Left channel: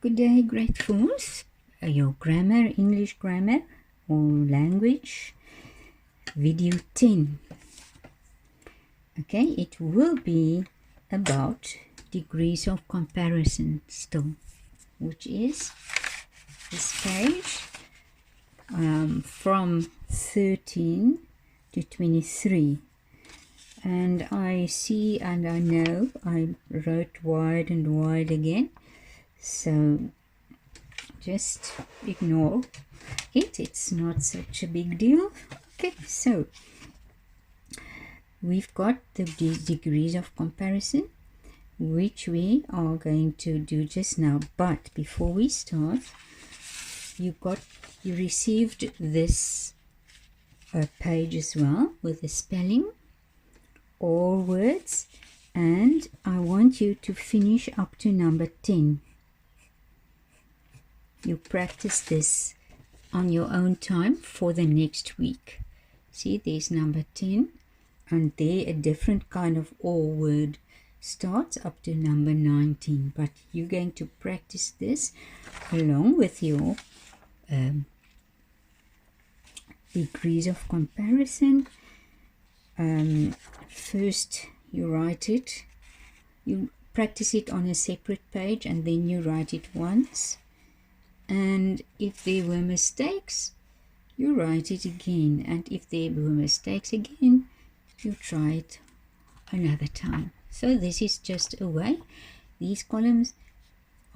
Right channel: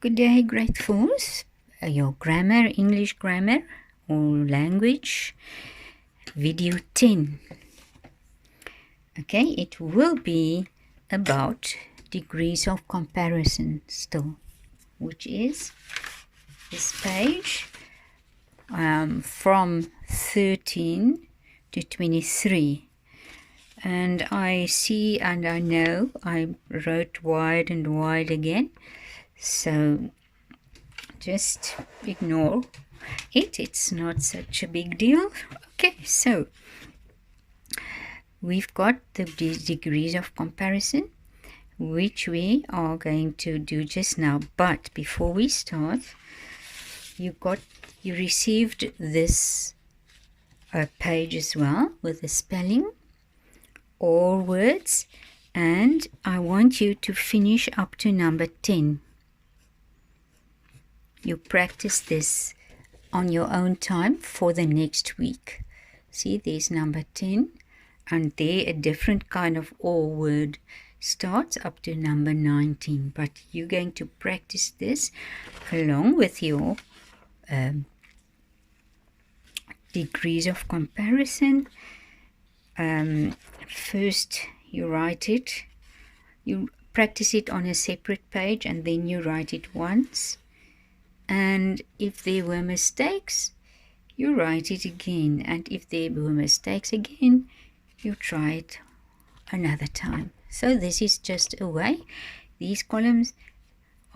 Good day, grade 4s. Your grammar, English grammar or language, video 10. Okay, it will be about degrees of comparison still, which is this page from 13 to 23. And I see and I know I wrote wide and wide again. So just ignore it. It's not such a big deal. Okay, so we've got the degrees of comparison, which we are going to do just now. But before we start, you received this page as well with the spelling, all words, and I want you to finish up to number 10. You practice this on your own time for the next week. See, there's number 10, and there a different kind of all word starts up to number 19. But you're going to practice this along with your degrees of comparison. First, you write it. You practice it on a separate page, and then you write it once. And if there were mistakes, you write it again. And if there were mistakes again, you try it another time. So this is just a way. These columns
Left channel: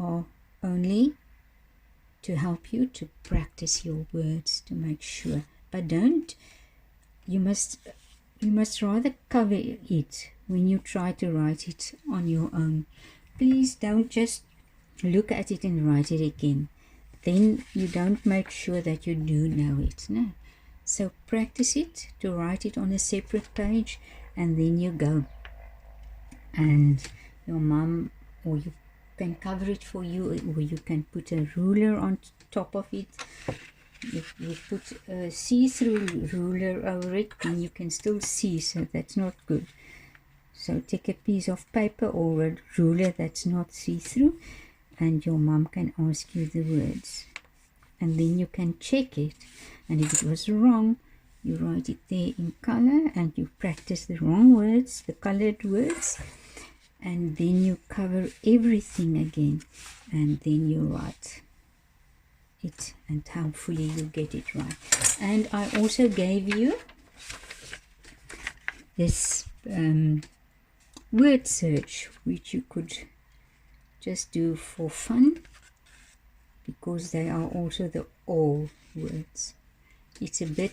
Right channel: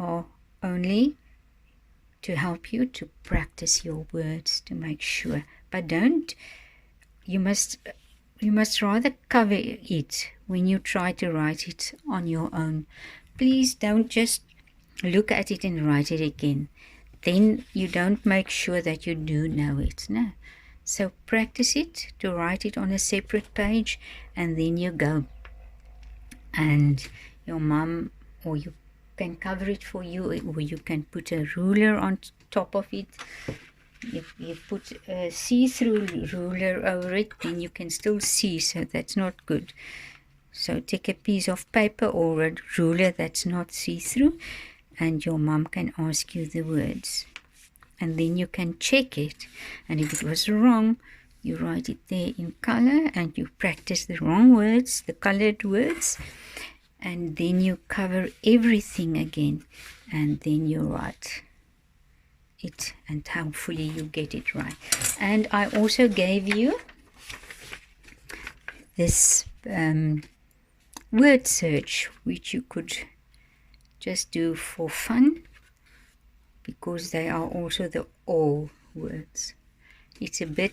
are only to help you to practice your words, to make sure. But you must rather cover it when you try to write it on your own. Please don't just look at it and write it again. Then you don't make sure that you do know it. No. So practice it to write it on a separate page, and then you go. And your mom, or you can cover it for you, or you can put a ruler on top of it. If you put a see-through ruler over it, then you can still see, so that's not good. So take a piece of paper or a ruler that's not see-through, and your mom can ask you the words, and then you can check it, and if it was wrong, you write it there in color, and you practice the wrong words, the colored words, and then you cover everything again, and then you write it, and hopefully you get it right. And I also gave you this word search, which you could just do for fun, because they are also the all words. It's a bit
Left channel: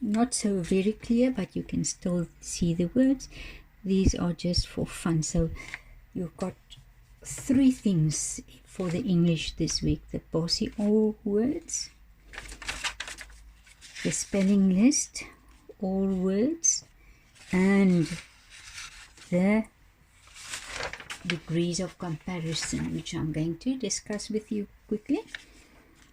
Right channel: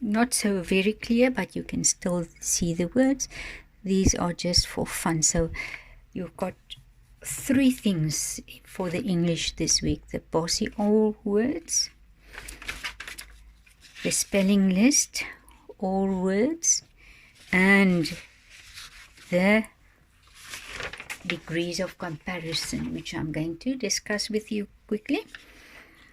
not so very clear, but you can still see the words. These are just for fun. So you've got 3 things for the English this week: the bossy all words, the spelling list, all words, and the degrees of comparison, which I'm going to discuss with you quickly.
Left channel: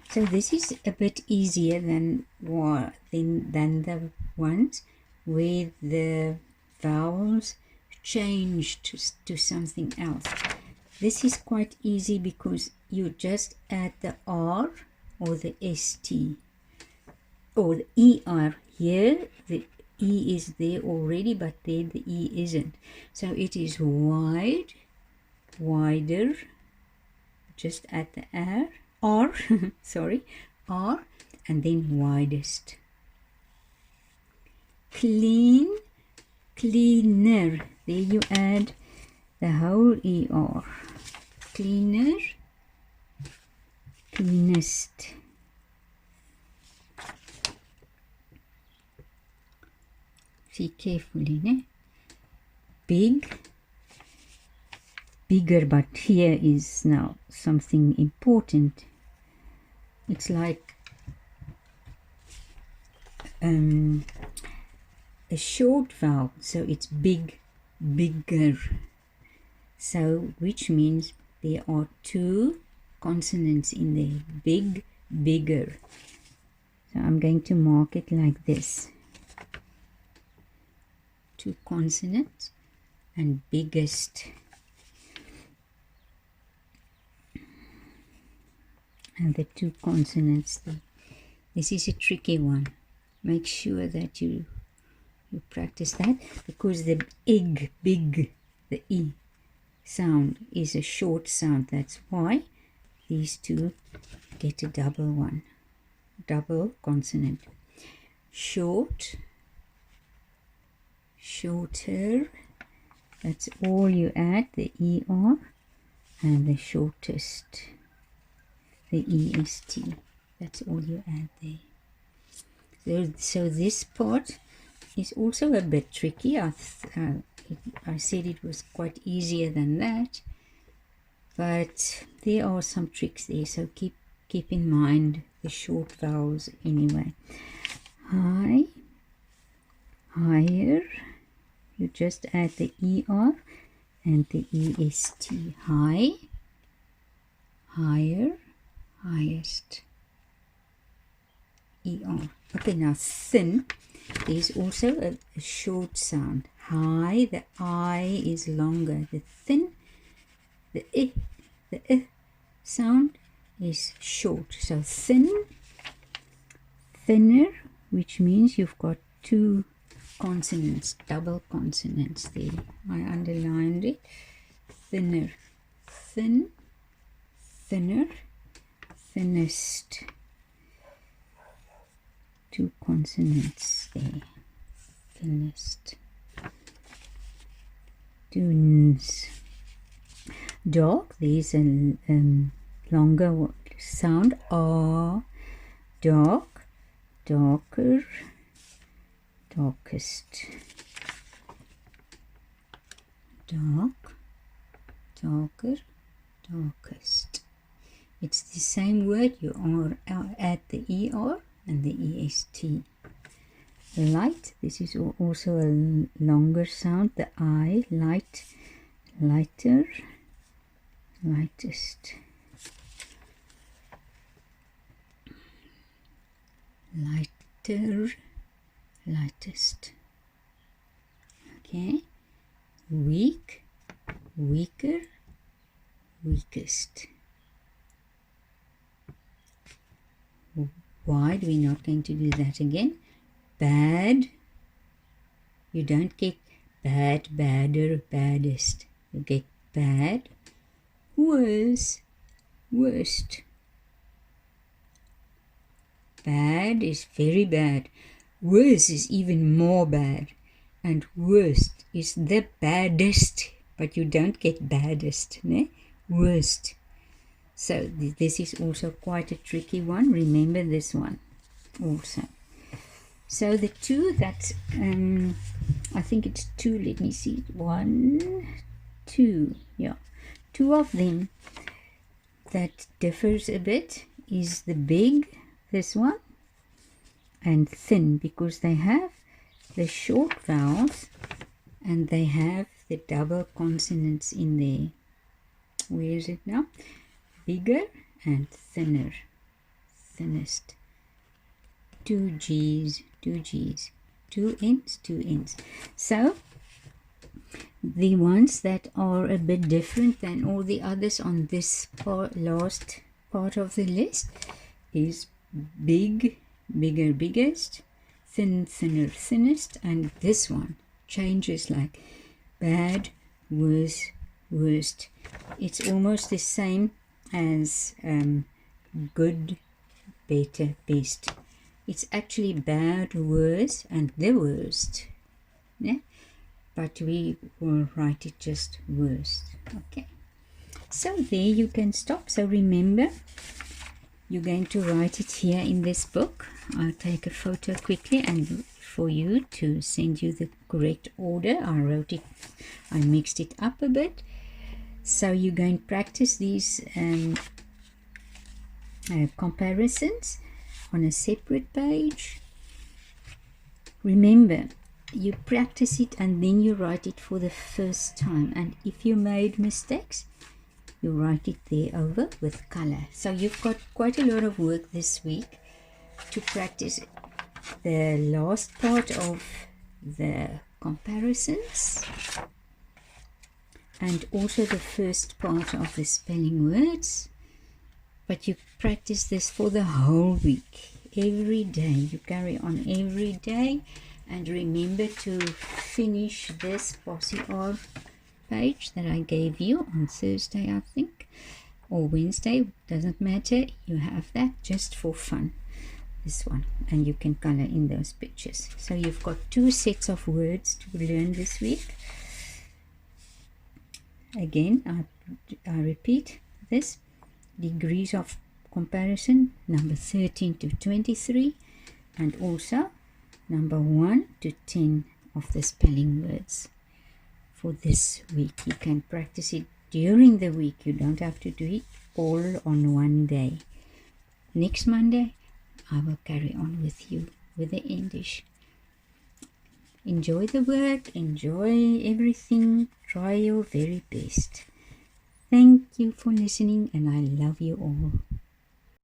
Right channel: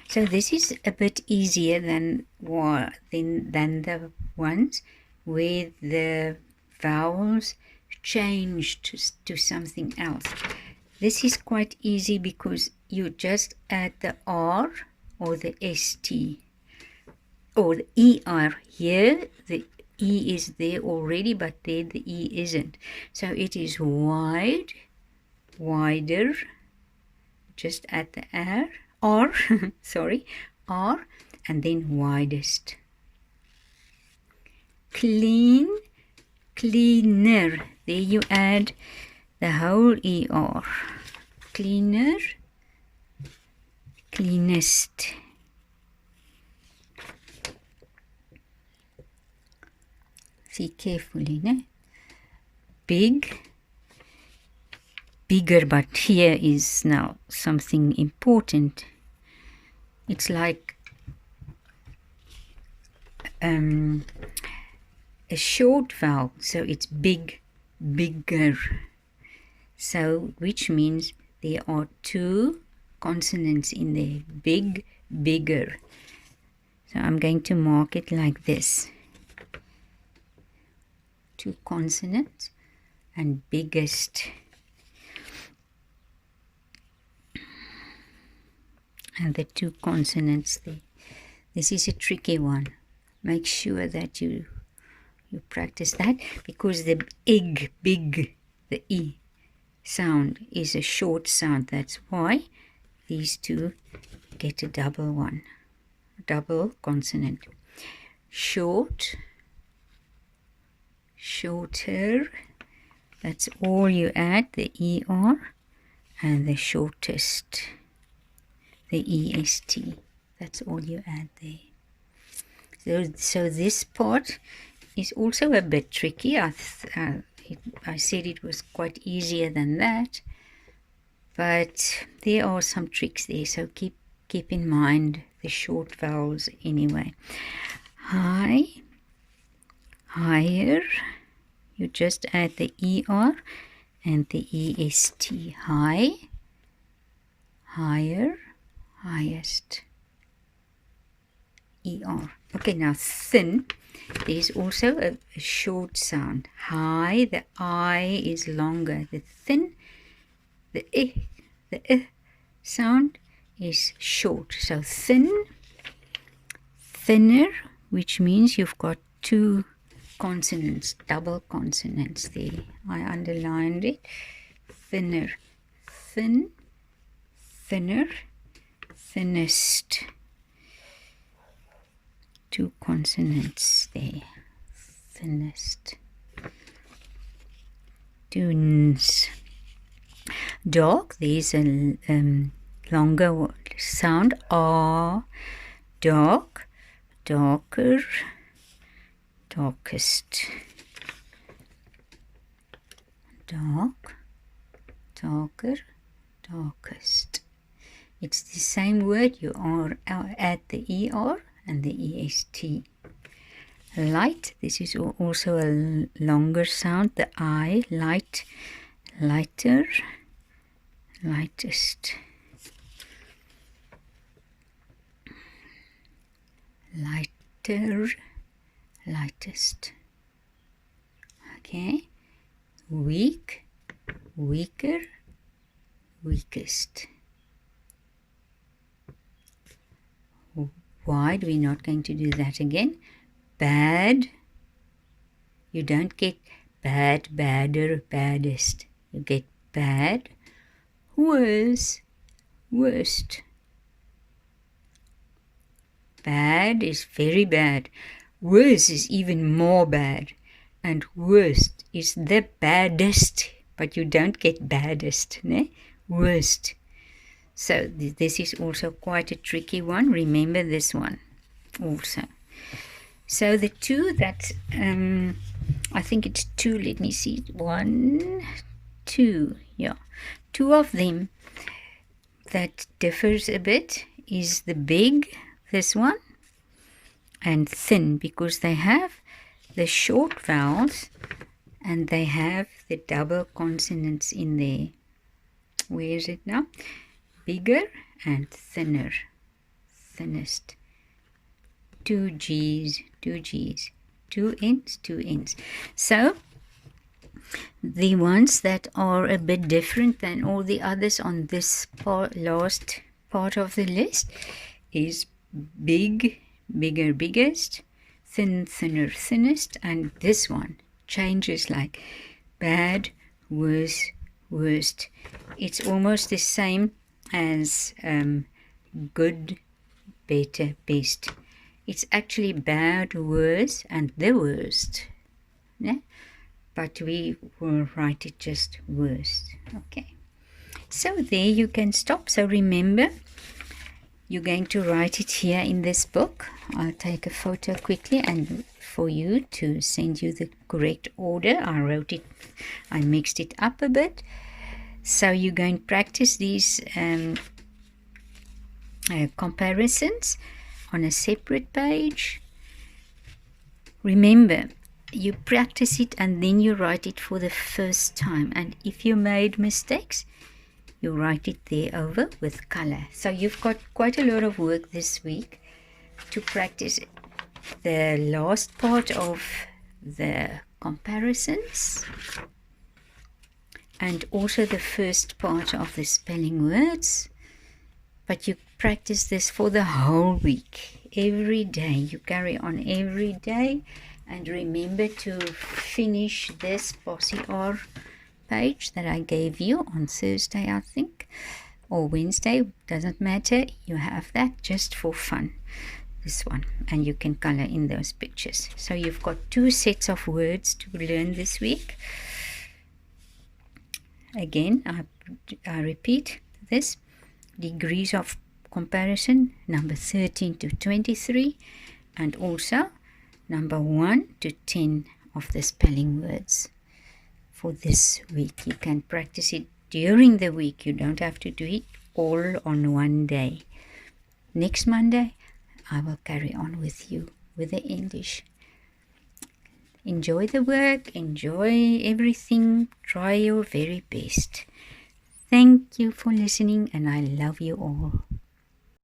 So this is a bit easier than the ones where the vowels change to something else. This is quite easy because you just add the R or the ST or the ER. Here the E is there already, but there the E isn't. So it is wide, wider, just add the R, sorry, R, and then widest. Clean, cleaner, there you add the whole ER. Cleaner, cleanest. See carefully, ne? Big, bigger, but here is now something important. It's like a short vowel, so it's big, bigger. So which means there are 2 consonants in there: big, bigger. So I'm going to mark it like this: 2 consonants and biggest. and the two consonants there. This is a tricky one. Make sure that you practice that, because the big, the E sound is a short sound. That's why these two get a double consonant. Short, shorter, that's all you add, the ER, and the shortest, the EST. That's all you add there. So this part is also a bit tricky. I said it was quite easier than that, but there are some tricks there, so keep in mind the short vowels anyway. High, higher, you just add the ER and the EST. High, higher, highest, ER. Okay, now thin. There's also a short sound. High, the I is longer. The thin, the sound is short. So thin, thinner, which means you've got two consonants, double consonants there. I underlined it. Thinner, thin, thinner, thinnest. Two consonants there. Thinnest. Dunes. Dark, there's a longer sound. R. Dark, darker, darkest. Dark, darker, darkest. It's the same word. You add the ER and the EST. Light, this is also a longer sound. The I, light, lighter, lightest. Lighter, lightest. Okay. Weak, weaker, weakest. Wide, we're not going to do that again. Bad, you don't get bad, badder, baddest. You get bad, worse, worst. Bad is very bad. Worse is even more bad. And worst is the baddest. But you don't get baddest, ne? Worst. So this is also quite a tricky one. Remember this one also. So the two that, I think it's two, let me see, 1, 2, yeah. Two of them that differs a bit is the big, this one, and thin, because they have the short vowels and they have the double consonants in there. Where is it now? Bigger and thinner, thinnest. 2 G's, 2 G's, 2 N's, 2 N's. So the ones that are a bit different than all the others on this last part of the list is big, bigger, biggest, thin, thinner, thinnest, and this one changes like bad, worse, worst. It's almost the same as good, better, best. It's actually bad, worse, and the worst. Yeah? But we will write it just worst. Okay. So there you can stop. So remember, you're going to write it here in this book. I'll take a photo quickly and for you to send you the correct order. I wrote it, I mixed it up a bit. So you're going to practice these comparisons on a separate page. Remember, you practice it and then you write it for the first time. And if you made mistakes, you write it there over with color. So you've got quite a lot of work this week to practice the last part of the comparisons and also the first part of the spelling words. But you practice this for the whole week. Every day. You carry on every day. And remember to finish this Posse R page that I gave you on Thursday, I think, or Wednesday, doesn't matter. You have that just for fun, this one, and you can color in those pictures. So you've got 2 sets of words to learn this week. Again, I repeat this: degrees of comparison, number 13 to 23, and also number 1 to 10 of the spelling words for this week. You can practice it during the week. You don't have to do it all on one day. Next Monday, I will carry on with you with the English. Enjoy the work, enjoy everything, try your very best. Thank you for listening, and I love you all.